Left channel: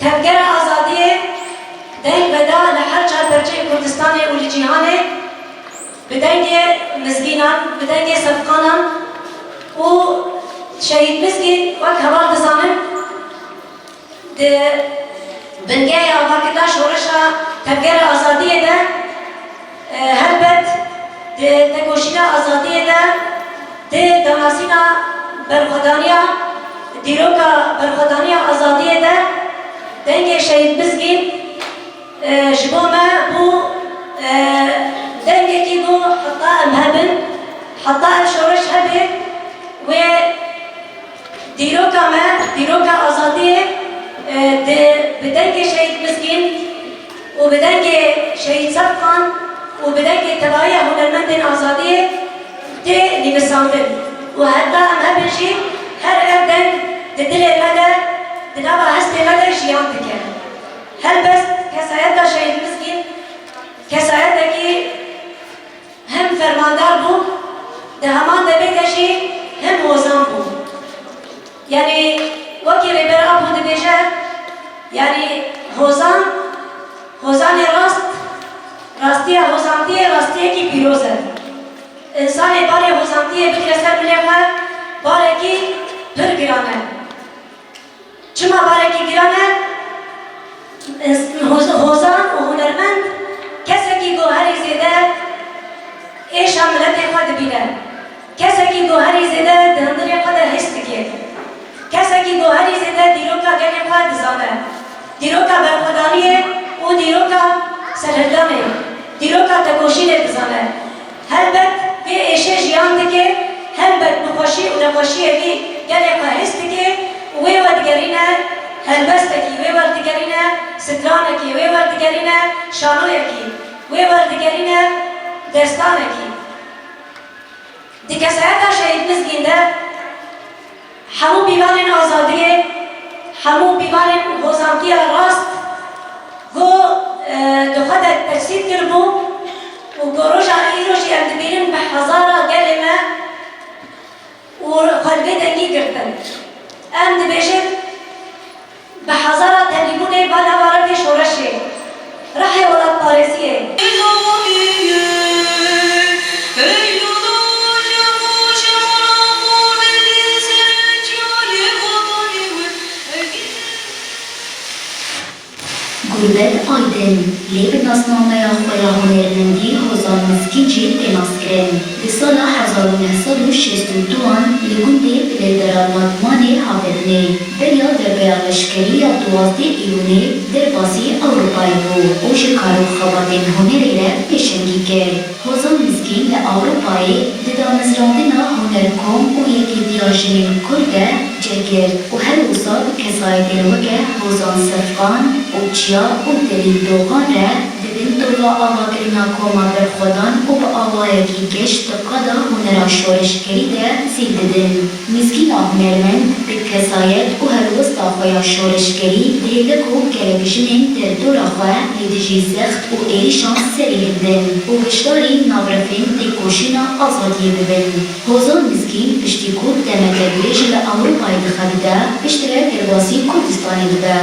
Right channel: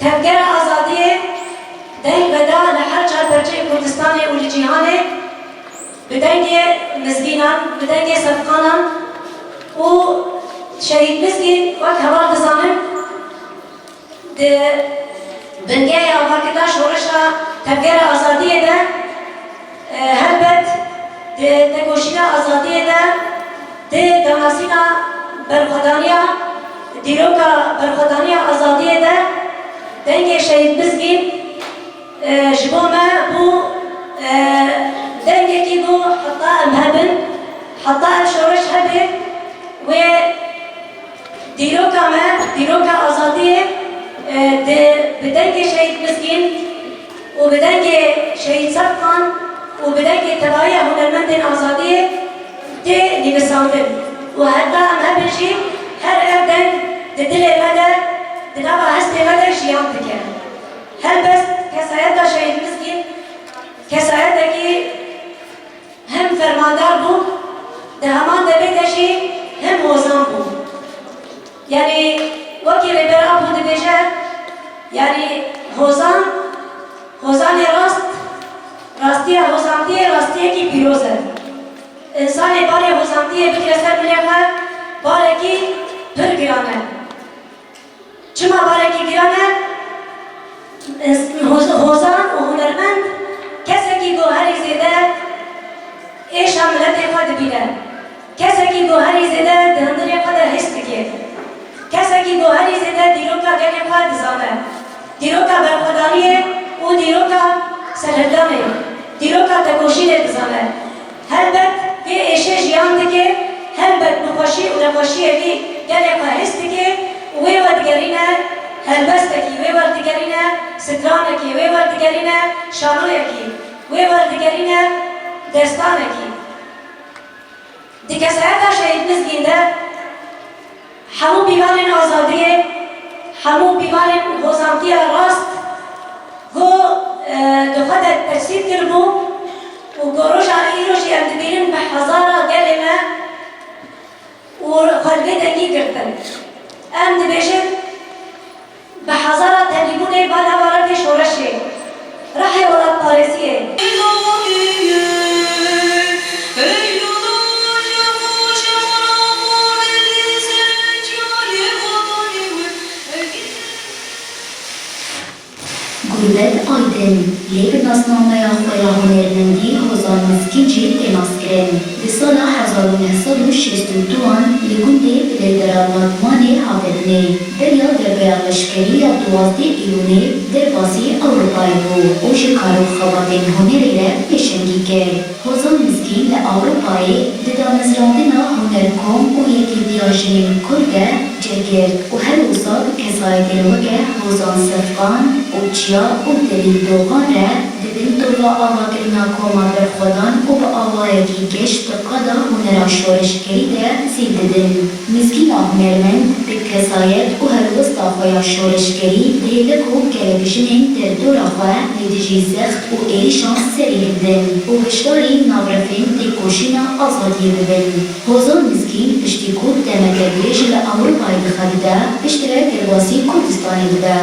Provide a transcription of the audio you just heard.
تفكر آزادية دين بدا لحل شهر برجع كردستان ولجيهانه بدنگ مزگینان بدنگ صفقانان و شهید مزگین وقت هوار دزانم ده بنگه آوارکتا شورشا تفکر آزادیه ده هلبت ده تکوشینا آزادیه ده ده دماسینا برخدانیا دیروکا برخدانیا آزادیه ده دنگ شهید مزگین جبوما بو دنگه کی بو حتا امهبن حتا شورش هبه و دیروکا آزادیه ده بدنگ شهید مزگین و بدنگ شهید صفقان و بدنگ تباهی هنرمندین آزادیه ده نویساندن و حتا امهبن جی هر اردن ده دل مده ده نبا هست مده جیان بکن هل بس کسایت دا شهید مزگین کسایت دا کی هم فرماندار بو ده همان دبی دشی هم موزان بو یعنی وکی ریبر ابو دبیجه یعنی هوزان راستیه کی پیروزه انسان باره هوزانتیه بکرسر بلیغه باره کی پر گرانه چما باره کی گرانه هوزان و هنرمند کسی که گوهری زیده ایش هم ملت خود بینه کسی که گوهری زیده دهندر خود حس بگه کسی که گوهری زیده دیروکا گلی خود زانه دیروکا برخودانیه و دیروکا سرهدانه دیروکا تکوشی بزانه هلبت به ایشه جیان دکه هلبت نخوشی و نخوشی بی گلی خود حس بگه و ودگرینه هلبستکی وی وردگرینه سترانکی وی وردگرینه شانویکی وی وردگرینه دستانکی دیگه ساعتا شهید مزگینده همو بیمارین آزادیه همو بیمارین غزانتی راست گو دخواد تجسید کربو و گروژا ایروشی اندبیرین به هزارا گلمه و خلقه دنگی کردن اندبیشن بحضارة تبليغوني بالا وارد شورشي راحي ولاد باريسية Gurbet Aydın, Lêbin nasnamaya xoya hunermendî Hozan Mizgîn jî tênaskirin. Di sala 1962 li gundê bilêdera Batmanê havedinê. Derya derbeya leşkerî ya 12 Îyûnê derbasî Ewropayê bû û ji karûxebatên hunerê re pêşengî kir. Hozan Mizgîn li Ewropayê di damezrandina hunerkom û yekîtiya jinên Kurd de cegir û her wisa bi kesayetên weke Hozan Sefqan û Çiya û Delîl Dogan re dibin tola avakirina koma berxwedan û bi awayekî geş di qada hunera şoreşkerî de zî didin. Mizgîna hunermend bi kesayet û helwesta xwe ya şoreşkerî dihêvek û gelekjinên derdora xwe lê dijî zext û êrîşan serî hildin û hişdarî navrefên têkoşîna azadiyê bibin. Hozan Mizgîn piştî ku demetekbêj li Ewropayê dixebite piştre derbasî Kurdistanê dibe.